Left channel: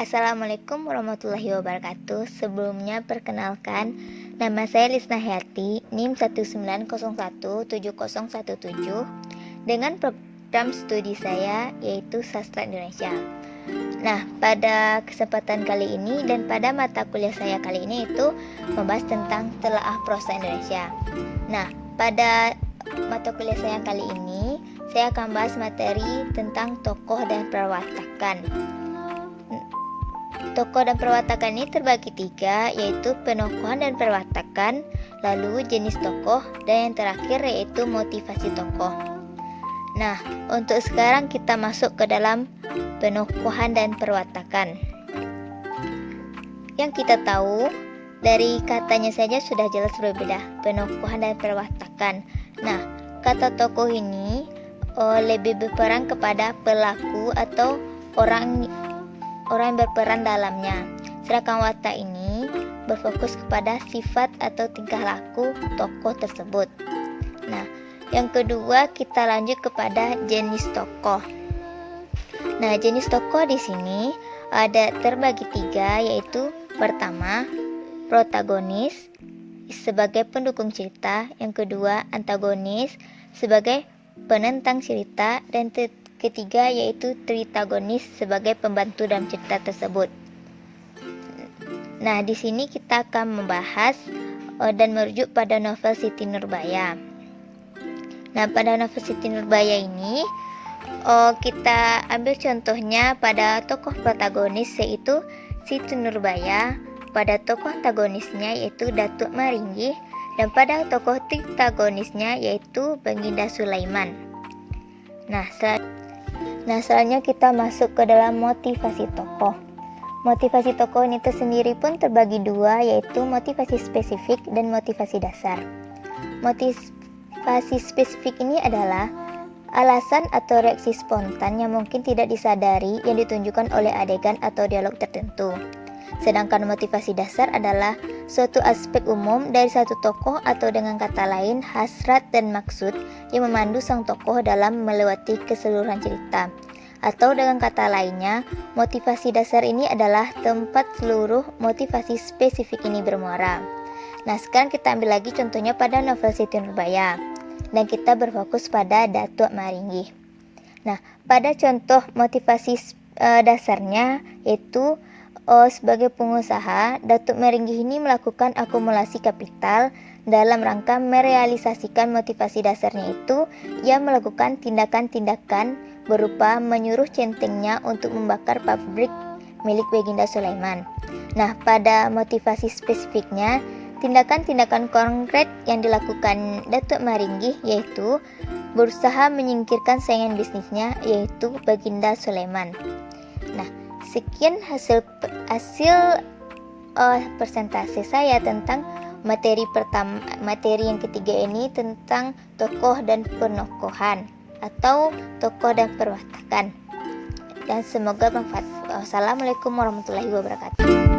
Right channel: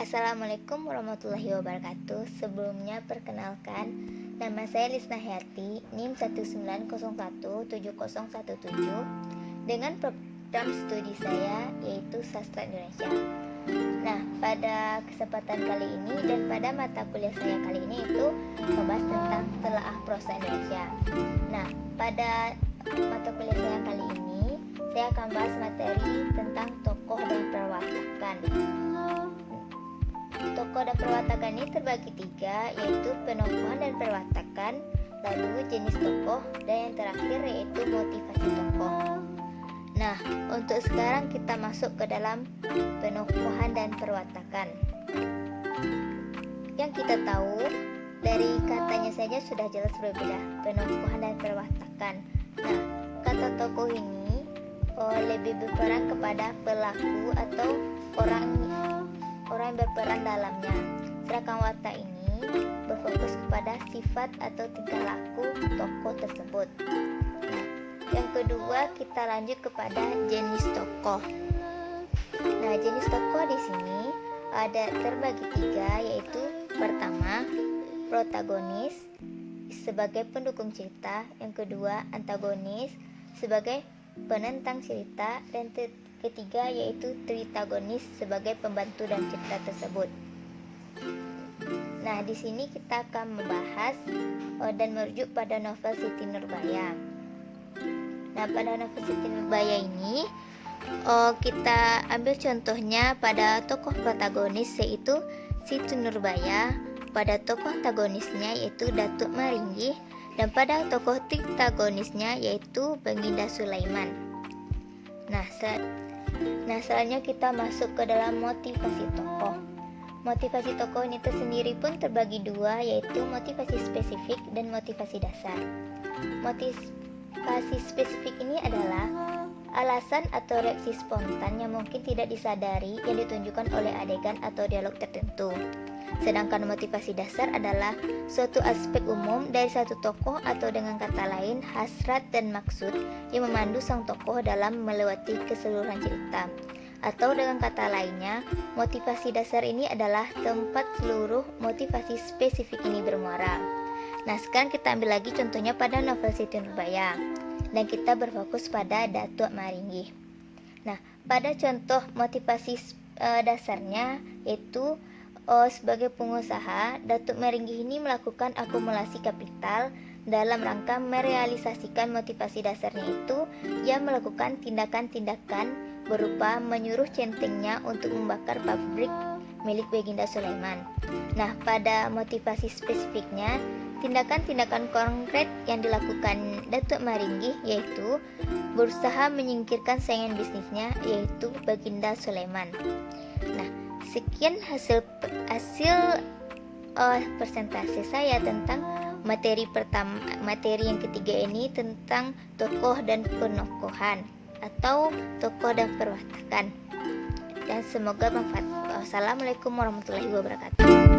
Assalamualaikum warahmatullahi wabarakatuh. Sebelumnya perkenalkan, nama saya Lisna Hayati, NIM 190170117 dengan program studi saya yaitu Sastra Indonesia. Nah, pada kesempatan kali ini dan pada mata kuliah saya kali ini itu membahas tentang telaah prosa Indonesia. Nah, pada mata kuliah saya kali ini saya akan bahas materi tentang tokoh dan perwatakan. Tokoh dan perwatakan ini terbagi tiga, yaitu penokohan dan perwatakan, lalu jenis tokoh, dan yang terakhir yaitu motivasi tokoh. Nah, untuk sekarang kita masuk ke dalam penokohan dan perwatakan. Yang kita tahu, dari katanya saja sudah jelas berbeda, penokohan dan perwatakan. Nah, kata tokoh ini lebih berperan kepada pelaku atau orang yang berperan dalamnya. Sedangkan watak ini berfokus kepada sifat atau tingkah laku tokoh tersebut. Nah, yang kedua kita lanjut kepada jenis tokoh. Nah, jenis tokoh di sini ada terbagi tiga, yaitu pertama protagonis sebagai pendukung cerita, yang kedua antagonis sebagai penentang cerita, dan ketiga yaitu tritagonis sebagai pembantu dalam cerita tersebut. Nah, di sini kita akan membahas dan merujuk pada novel Siti Nurbaya. Nah, pada novel Siti Nurbaya ini kita ambil contohnya pada tokoh protagonis yaitu Siti Nurbaya, pada tokoh antagonisnya yaitu Datuk Maringgih, dan pada tokoh tritagonisnya yaitu Baginda Sulaiman. Nah, selanjutnya kita masuk ke dalam motivasi tokoh. Motivasi tokoh ini tersendiri pun terbagi dua, yaitu motivasi spesifik dan motivasi dasar. Motivasi spesifik ini adalah alasan atau reaksi spontan yang mungkin tidak disadari yang ditunjukkan oleh adegan atau dialog tertentu. Sedangkan motivasi dasar adalah suatu aspek umum dari satu tokoh, atau dengan kata lain hasrat dan maksud yang memandu sang tokoh dalam melewati keseluruhan cerita. Atau dengan kata lainnya, motivasi dasar ini adalah tempat seluruh motivasi spesifik ini bermuara. Nah, sekarang kita ambil lagi contohnya pada novel Siti Nurbaya, dan kita berfokus pada Datuk Maringgih. Nah, pada contoh motivasi dasarnya yaitu sebagai pengusaha, Datuk Maringgih ini melakukan akumulasi kapital dalam rangka merealisasikan motivasi dasarnya itu. Ia melakukan tindakan-tindakan berupa menyuruh centengnya untuk membakar pabrik milik Baginda Sulaiman. Nah, pada motivasi spesifiknya, tindakan-tindakan konkret yang dilakukan Datuk Maringgih yaitu berusaha menyingkirkan saingan bisnisnya yaitu Baginda Sulaiman. Nah, sekian hasil presentasi saya tentang materi yang ketiga ini tentang tokoh dan penokohan atau tokoh dan perwatakan. Dan semoga bermanfaat. Wassalamualaikum warahmatullahi wabarakatuh.